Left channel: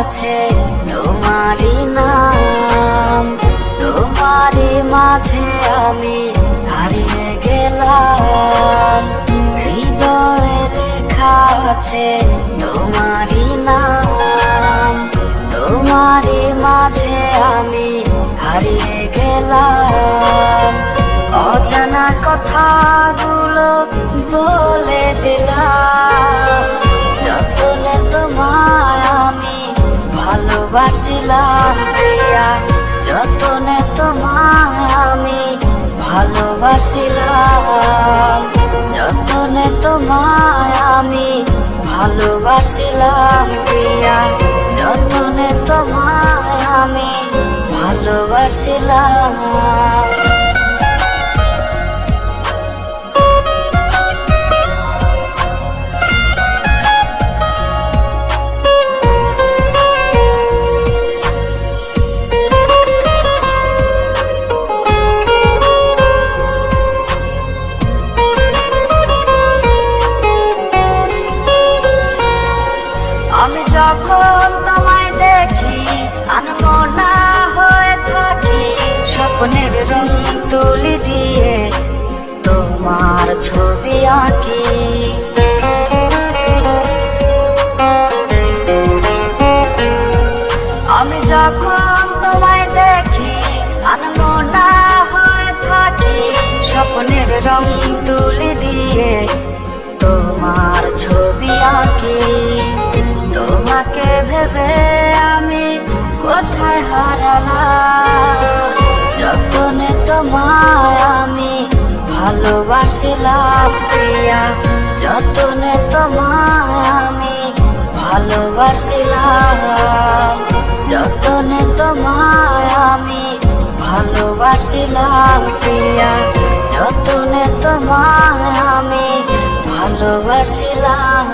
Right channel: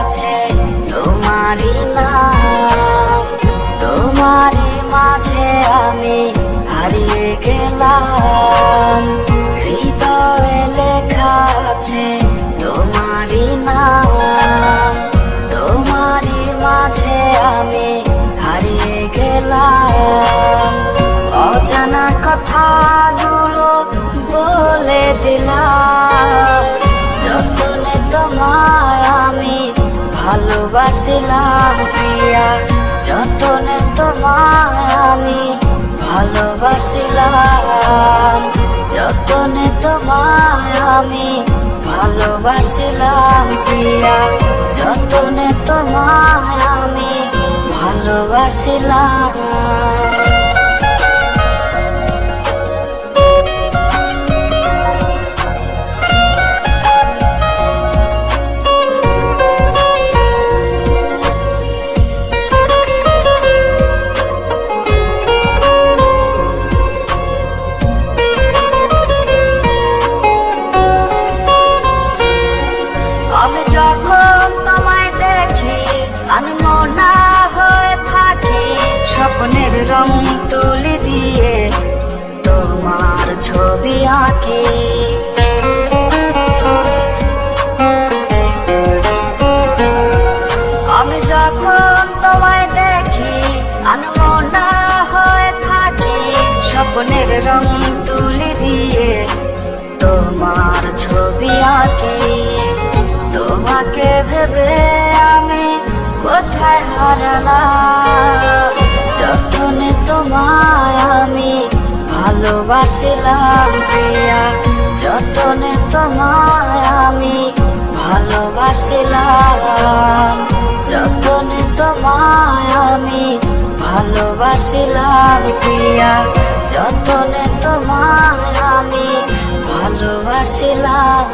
আছে তোমারই নাম, তোমারই মাঝে আমি হারিয়ে গেলাম। হৃদয়ে লেখা আছে তোমারই নাম, তোমারই মাঝে আমি হারিয়ে গেলাম। অজানা কথাগুলো ভালোবাসিলাম প্রিয়া। যতনে তোমায় আমি ভালোবাসিলাম। যতনে তোমায় আমি ভালোবাসিলাম প্রিয়া। যতনে তোমায় আমি ভালোবাসিলাম। যখন তোমায় দেখি আনমনা হয়ে থাকি। স্বপ্নের রং তুলি দিয়ে তোমার ছবি আঁকি। আমি যখন তোমায় দেখি আনমনা হয়ে থাকি, স্বপ্নের রং তুলি দিয়ে তোমার ছবি আঁকি। তোমাকে ভেবে আমি কোথায় হারালাম? যতনে তোমায় আমি ভালোবাসিলাম প্রিয়া, যতনে তোমায় আমি ভালোবাসিলাম। যতনে তোমায় আমি ভালোবাসিলাম প্রিয়া, যতনে তোমায় আমি ভালোবাসিলাম।